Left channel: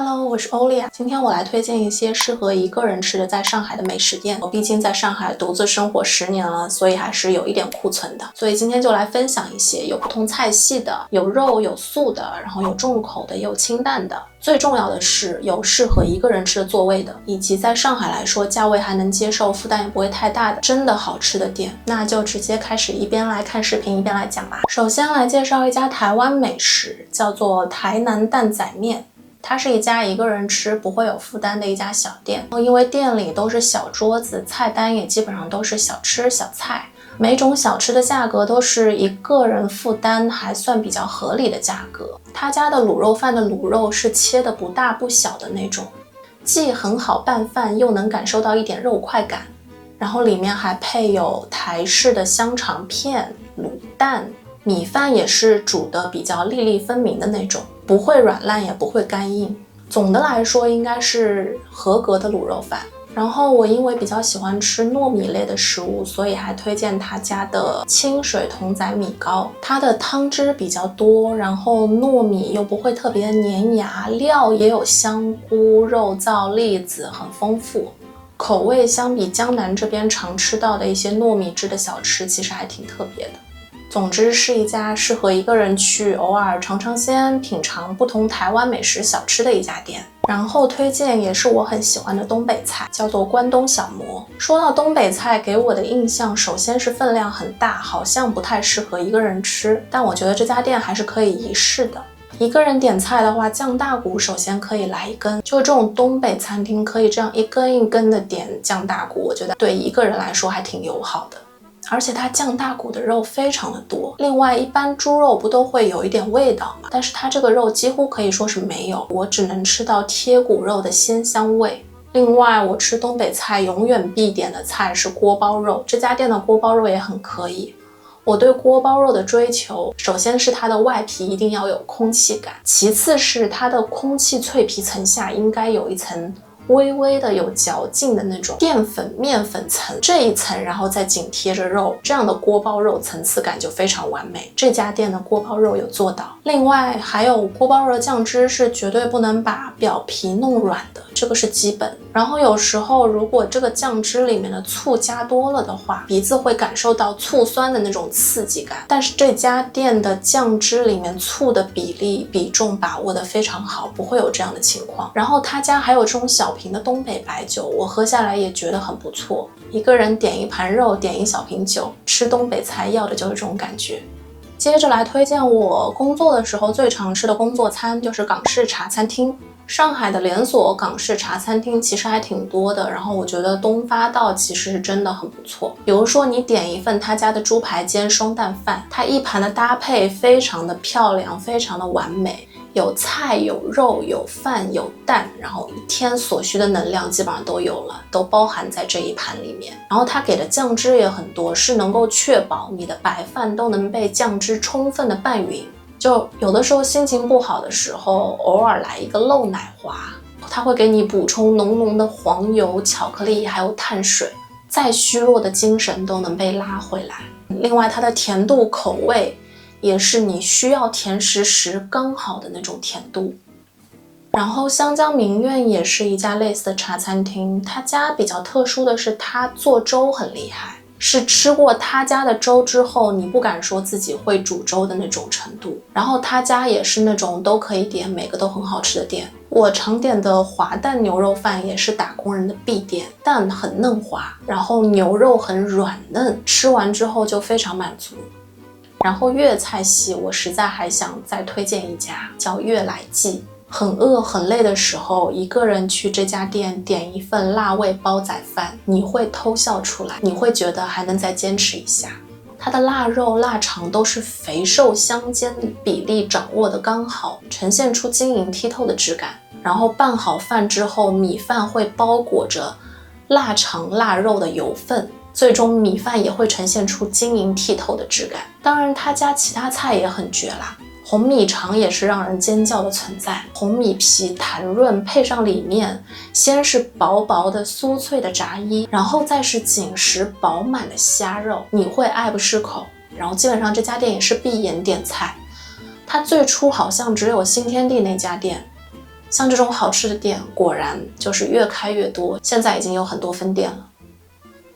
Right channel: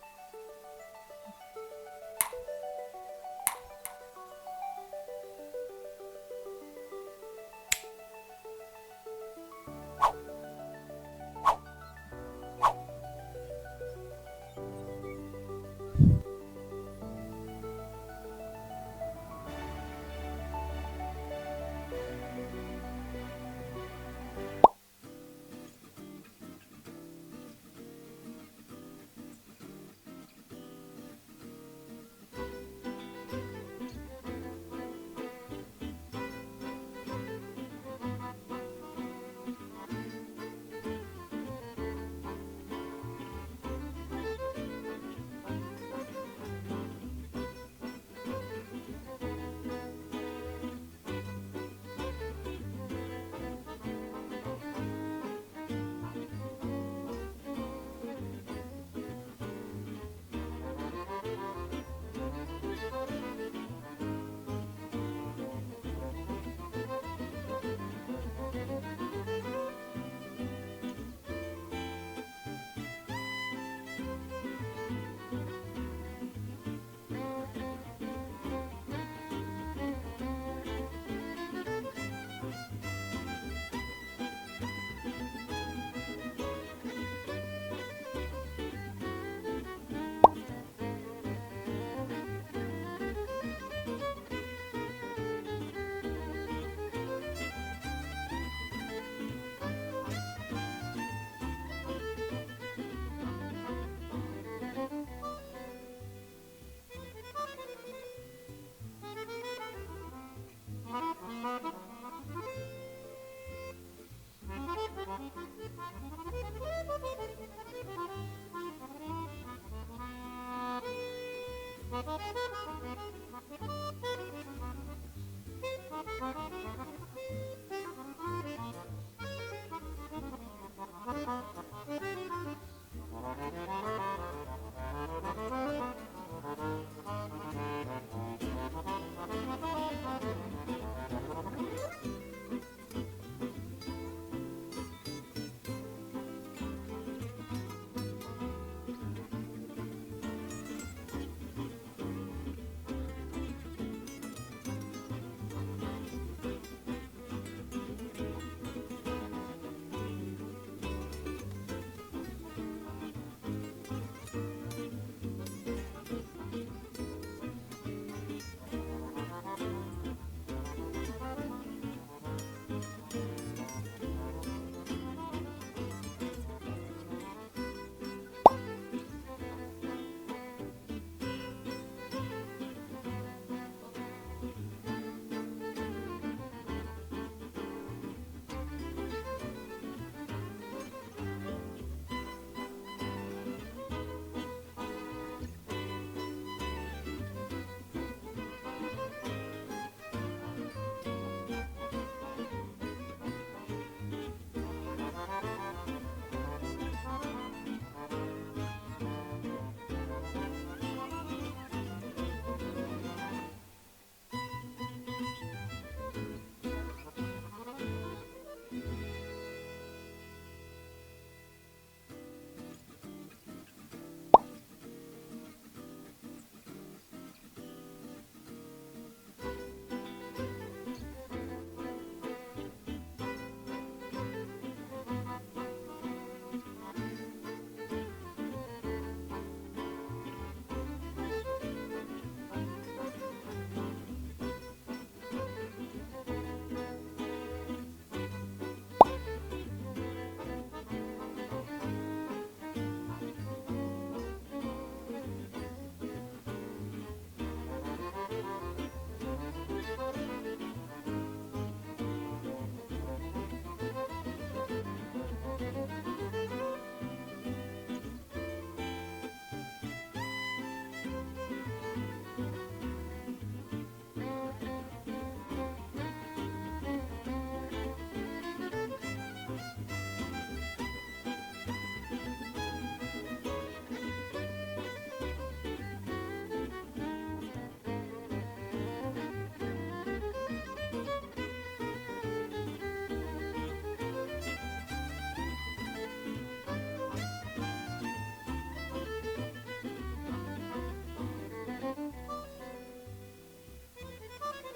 Hello，我是欧丽啊。今天我来推荐一些适合一个人吃的在上海的美食店。我毕竟在上海独自生活10年了，所以还是有一点库存的。所以今天就来分享一些有不同菜系的，有肉有素的，然后有重口的，也有清淡的。最重要的是有适合一个人吃的座位的，以及在上海来说价位还能接受，负担也不会太大的真的好吃的店。那就直接开始一边来看视频一边来讲吧。首先来介绍一家台湾美食，叫做台南担仔面。它是一家一个人吃不会有负担的一家小店，因为店里都是小桌子，菜单也基本上都是小吃小菜，每种小吃的价格都是一个人负担还算比较合理的价格。他家的卤肉饭的卤肉是切的不大不小的那种，既很好拌饭，又能感受到一点肉块感，然后里面还配有台式的香肠片、卤蛋，米饭也是煮的比较粒粒分明的那种，不会软烂也不会干硬，总的来说应该是合格的卤肉饭。然后我因为比较喜欢吃糯米类的食物，所以还推荐他家的清水筒仔米糕。它的汤汁比较多，然后糯米又不会特别粘牙，料也有香菇、肉燥、栗子，很丰富。口味相比江南这边常吃到的一些糯米制的小吃，其实还挺特别的。总之是一家适合一个人去偶尔尝尝鲜，品尝不同台湾美食小吃的一家店。然后推荐也是我很喜欢的东北菜，叫做关东小馍。说到东北菜，给我的印象首先是分量很大，好像不太适合一个人吃，但我觉得这家店还是可以一试的。一个人点菜的话，酱大骨首先可以来一根，就这种东北餐厅可以这样一根一根的点酱大骨，我觉得对一个人来说还挺友好的。而且它酱大骨的肉非常的多，另外一般猪肉不都会有一点味道吗？但是它这个肉几乎可以说是没有，我只能吃到贴骨肉的鲜香味。另外我吃东北菜永远必点的菜是锅包肉，这家店的锅包肉也很可以。我对锅包肉的追求，首先是它的外皮一定要有空气感，其次是它的空气脆皮层下应该有一层微微的有嚼劲的那种淀粉面粉层，这一层然后再紧贴着肉，这样的锅包肉层次感就非常完美。这家店的锅包肉有做到。另外还有锅包肉的酱汁是绝对不能把表皮弄软的，这个是基本。然后有时候如果这个酱汁里面的醋加多了的话，鼻子会感受到醋酸的那种刺激感，但是这家店的酱汁里面醋的比重把握的非常好，不会有这样的情况。然后他家还有这种小瓶的东北白酒，我喝下来也觉得很不错。一个人点一盘肉，点一小瓶酒，吃东北菜要的就是这种感觉。接着来推荐我工作的时候最常吃的工作餐，就是港式茶餐厅。上海的连锁港式茶餐厅其实还挺多的，然后我觉得东发道其实是真的很不错。比如说你点一份他家的猪排煎双蛋饭，它一盘的搭配非常的漂亮，非常的完美，有菜有肉有饭有蛋，然后一天所需的能量基本上都有了，都包含在这一盘里面。然后它给的酱汁也很多，是能够确保你的白饭都能被酱汁充分的拌匀。就有的时候心情不好的时候，偶尔来一个漏奶滑，它会给你补充浓浓的黄油、巧克力还有碳水，再虚弱的精神都能被拉回来。另外它的甜度口味也是你需要甜食时刚好的那种甜度。然后湘江名苑也是一家类似的茶餐厅，他家比较特殊的是他做粥很厉害，是吃过他家的粥之后你不敢说自己会煮粥的那种程度。然后他家也是那种都可以点，每个都很好吃的店。我常点的滑蛋牛肉饭也是打工人的必点，蛋很嫩滑，然后牛肉很软嫩，吃完之后就非常满足。然后粤菜系我实在还想再推荐一家，叫悦来记。很饿很累的时候，一个人去这家店点一份辣味煲仔饭，你会偷笑出来，你会觉得还能再坚持一下。它的腊肉腊肠都是肥瘦相间，比例掌握的刚好，呈现出晶莹剔透的质感。然后拌好饭之后，米饭会包裹着腊肠腊肉的油分，最终米饭也会呈现出晶莹剔透的质感。当然他家其他菜也很绝啦，红米肠也是让人尖叫的存在，红米皮弹润，配上里面先是薄薄的酥脆的炸衣，然后再是紧实饱满的虾肉，你会爱不释口。然后基本上这家店也是闭眼点菜，它最初好像只有新天地那家店，像这种好吃的店，果然就是越开越多，现在已经有很多分店了。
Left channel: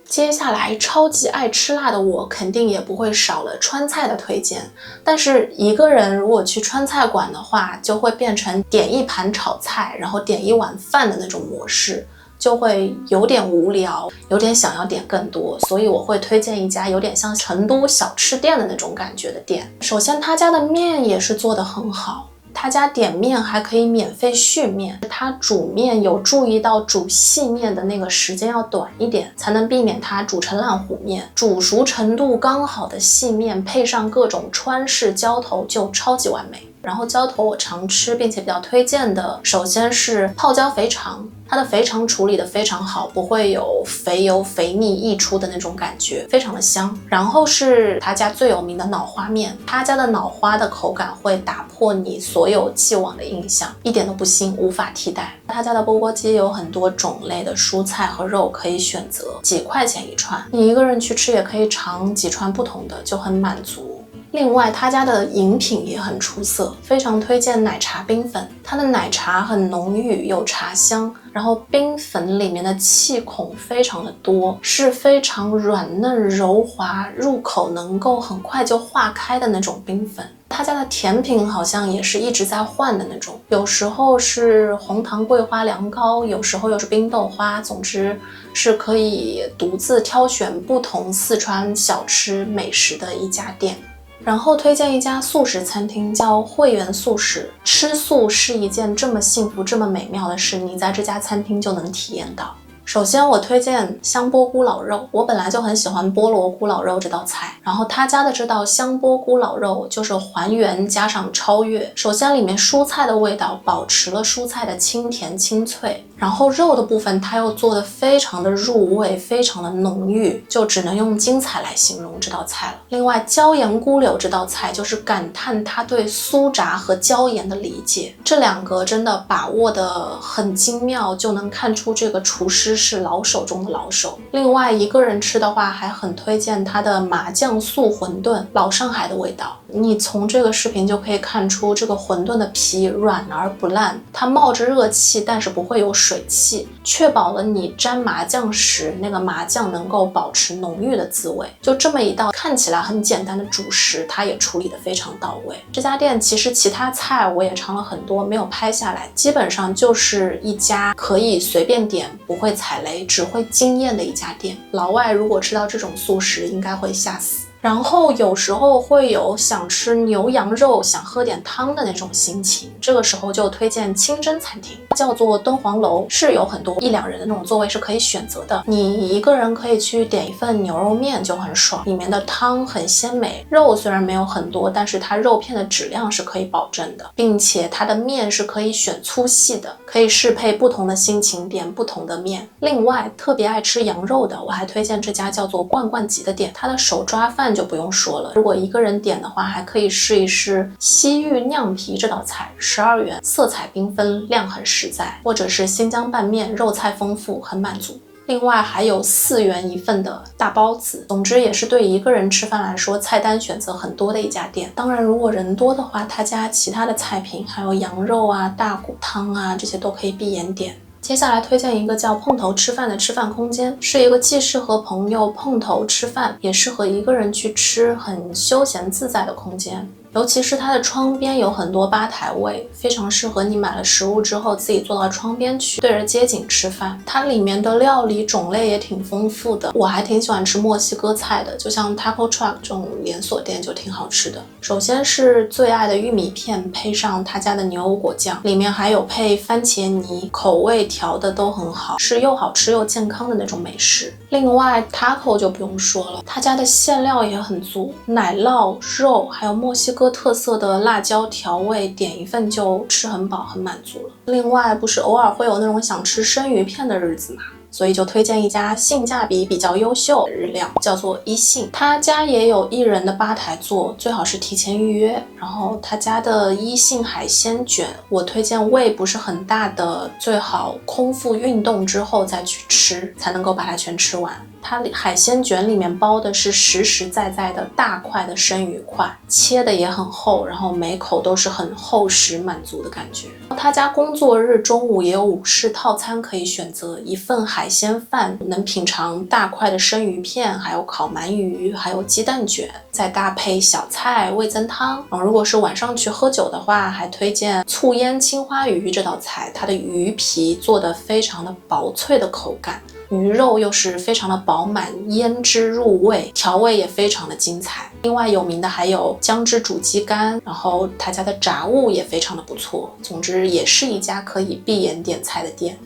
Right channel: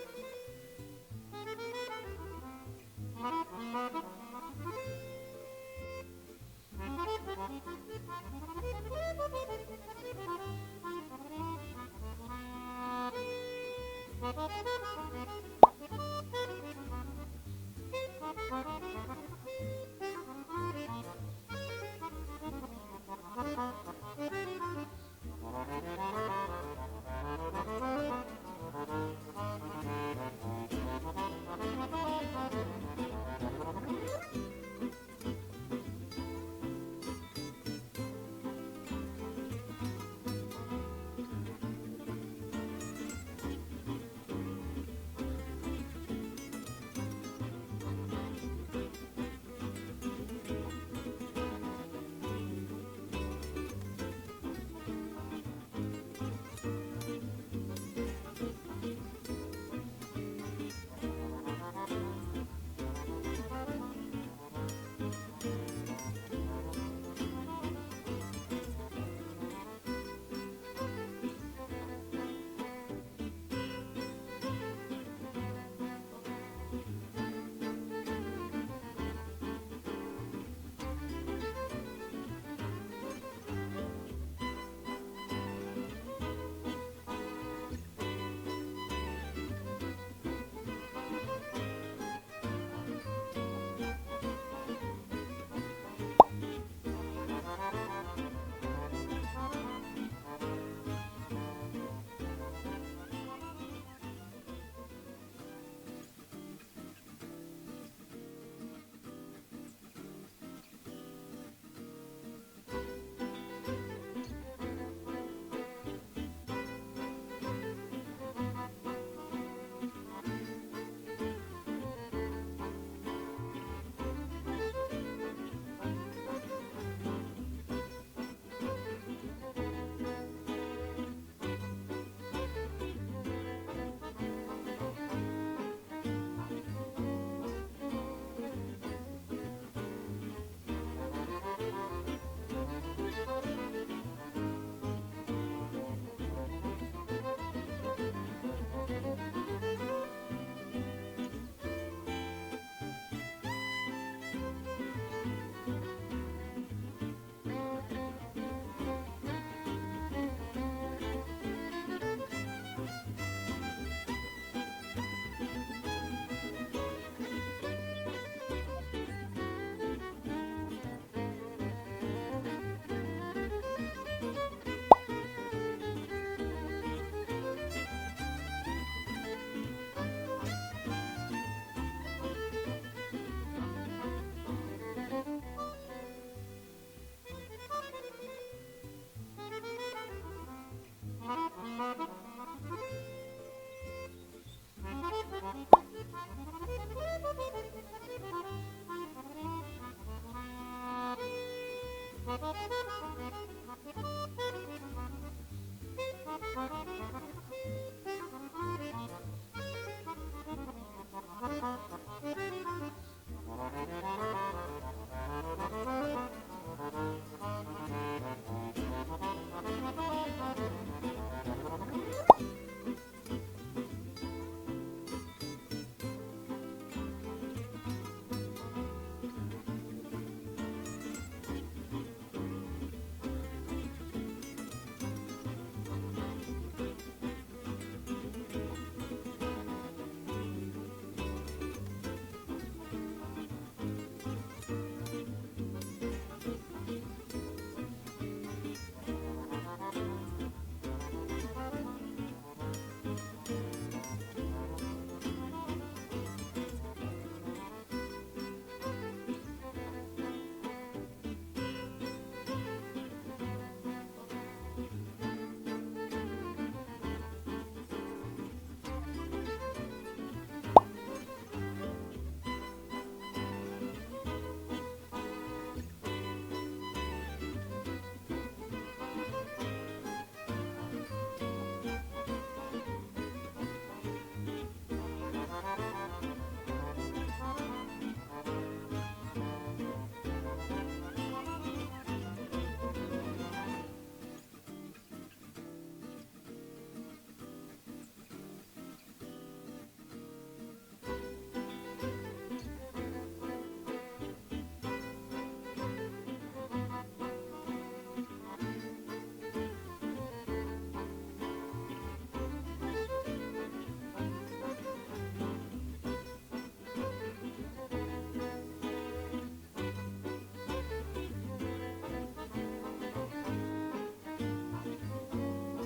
接下来超级爱吃辣的我肯定也不会少了川菜的推荐，但是一个人如果去川菜馆的话，就会变成点一盘炒菜，然后点一碗饭的那种模式，就会有点无聊，有点想要点更多，所以我会推荐一家有点像成都小吃店的那种感觉的店。首先他家的面也是做得很好，他家点面还可以免费续面，他煮面有注意到煮细面的那个时间要短一点，才能避免它煮成烂糊面。煮熟程度刚好的细面配上各种川式浇头就超级完美。然后浇头我常吃并且比较推荐的，首先是泡椒肥肠，它的肥肠处理的非常好，不会有肥油肥腻溢出的那种感觉，非常的香。然后是他家最有名的脑花面，他家的脑花的口感会打破你所有既往的印象，一点都不腥，无法替代。他家的钵钵鸡有很多种类的蔬菜和肉可以选择，几块钱一串，你一个人去吃也可以尝几串不同的，就很满足。另外他家的饮品也很出色，非常推荐奶茶冰粉，它的奶茶很浓郁，有茶香，然后冰粉里面的气孔非常的多，是非常软嫩柔滑，入口能够很快就化开的那种冰粉。他家的甜品好像也是一直在换的那种，有时候是红糖桂花凉糕，有时候又是冰豆花，总之是可以独自挑选不同四川小吃美食的一家店。然后推荐一家素食餐厅，叫汇源素食。吃素是一件这么幸福、这么美妙的事，你在这家餐厅就能体验到。首先我推荐香饽菇老肉，我本来就很喜欢菠萝菇老肉这道菜，然后他家的这道香饽菇老肉就是还原加上超越。首先里面蔬菜的味道保持了蔬菜的清甜清脆，然后肉的部分它又做得非常的入味，非常的浓郁，就只能用精彩来形容这道菜了。另外椒盐菇柳这道菜就是感叹他对酥炸和椒盐的理解，这两个真的把握得很精妙，就能看出这个厨师是老手中的老手。另外一个人吃的话还很推荐他的麻酱素馄饨，老上海的味道。你从这个视频就可以看出这个馄饨的皮软而不烂，它冒着热气但是不会有水汽，确保了你沾麻酱时那个麻酱能够保持浓郁的滋味。就这么一道看起来很简单的主食，它也处理得非常到位。这家店其实其他菜我也尝了很多，没有拍下来，基本上就是一家可以随便点不会踩雷只会惊艳的一家店。老外如果吃到这种素食应该会吓死。然后有时候会有想吃牛羊肉想喝点汤的那种心情，这个时候就推荐清真餐厅，叫做敦煌楼，是有很多一两人的那种座位是可以选择的，你一个人可以去点一份牛肉面就很爽，里面的汤很鲜美，肉虽然没有很多，但是它肉片的质量是可以保证的，并且它的面是可以选粗细的，可以适配不同的心情点不同的面。另外特别爱吃羊肉的，我还推荐这家叫做罐罐集的店，它的手抓饭就不用说了，如果一个人点的话还可以试一试西域酿皮这道菜，12元，色彩缤纷，量很实在，或者是新疆拌面，肉菜丰富，很满足。另外还有4元一份的大包子，总之也是对一个人吃饭来说菜单选择很多的一家店。当然如果人多的话，他家其他的菜品还有羊肉啊、大骨汤啊，这些都可以闭眼点。接下来推荐一个叫碰头吃饭的吃饭空间，是一个既适合朋友碰头吃饭，也适合一个人去吃，很休闲自在的空间。尤其是它的窗边有很多吧台位，非常适合你买了食物之后自己坐到窗边去，对着街景吃饭。它里面的料理种类也挺丰富的，我还挺喜欢吃墨西哥菜的，就像 Taco Truck 这种连锁店就挺好吃的。首先是最爱的玉米片，配上他家的牛油果酱，里面还有配番茄泥，口味调的都很好，是又好吃又健康的那种美食。另外 Taco 就不用说了，他家的馅料也很足，奶酪、肉还有墨西哥特色的辣椒调味，点一份就吃很饱很满足了。另外不是偶尔会有那种想吃生鱼片的日子嘛，所以就推荐一家性价比比较优秀的日料，叫做一幸。他家也有1人的吧台座，最好是提前预约。然后他家的一幸海鲜卷，我推荐胃不是很大的，最好空腹运动之后再去吃，才能够把它全吃完。它海鲜卷里面包的是实实在在的大块的生鱼块，切的也很厚，然后每口都是很厚实满足的感觉。他家工作日中午也有午市套餐可以选择，一份海鲜饭能品尝大块的生鱼片，还有烤鳗鱼，还有鸡蛋卷，再搭配小菜味增汤。如果是晚上去喝酒的话，还推荐醋腌青花鱼这道菜，它的鱼皮做得非常的薄脆的口感，鱼肉又是非常的饱满，腌汁入味，调味也非常的精彩。另外有名的还有姜汁煮鸡肝，然后他家的炸物也非常的不错。总之也是一家可以闭眼点菜的店。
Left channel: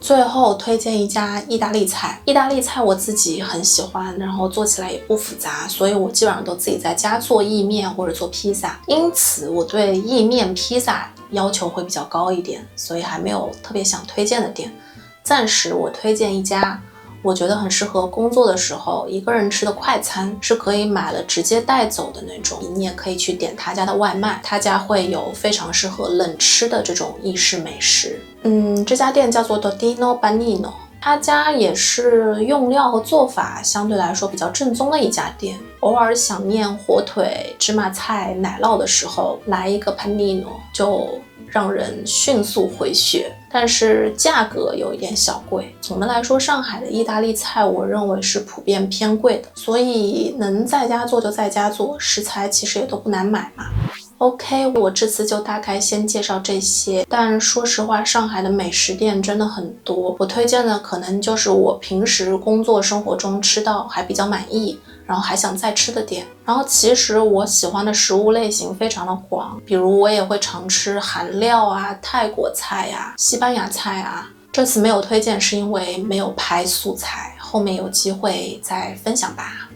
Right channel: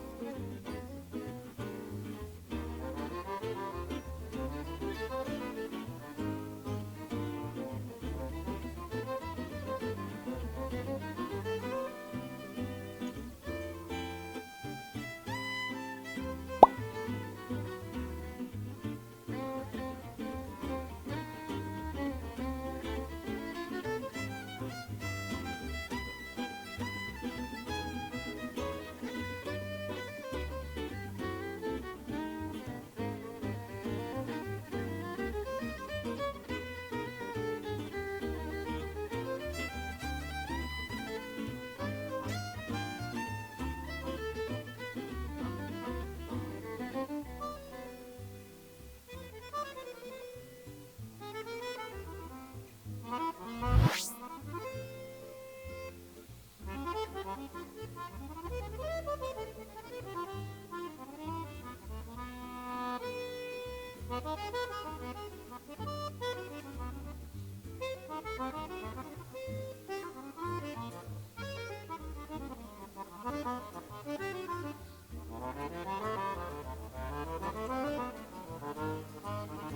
最后推荐一家意大利菜，意大利菜我自己很喜欢，然后做起来也不复杂，所以我基本上都自己在家做意面或者做披萨，因此我对意面披萨要求会比较高一点，所以还没有特别想推荐的店。暂时我推荐一家我觉得很适合工作的时候一个人吃的快餐，是可以买了直接带走的那种，你也可以去点他家的外卖，他家会有非常适合冷吃的这种意式美食。这家店叫做 Dodino Banino， 他家也是用料和做法相对来说比较正宗的一家店，偶尔想念火腿、芝麻菜、奶酪的时候，来一个 Panino 就让人迅速回血，但是价格有一点小贵。总的来说，上海的意大利菜我认为是普遍偏贵的，所以能在家做就在家做，食材其实也都不难买嘛。OK， 我这次就大概先介绍这些，但说实话，上海的美食店真的很多，我推荐的可能就是我平时工作生活中吃到还比较满意，然后还想再吃的店。然后其实我喜欢的食物类型非常的广，比如我也会常吃韩料啊、泰国菜啊、西班牙菜啊。这次没有推荐是因为没有拍素材，后面有机会再分享吧。